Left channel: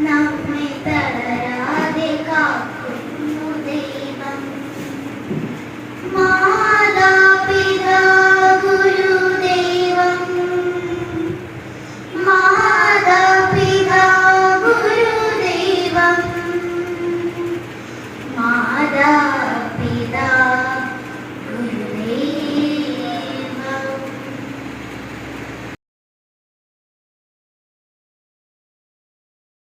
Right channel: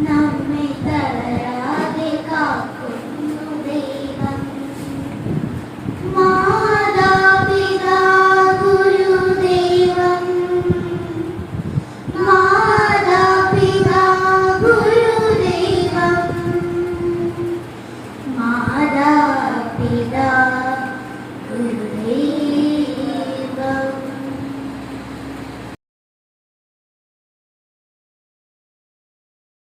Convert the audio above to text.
Now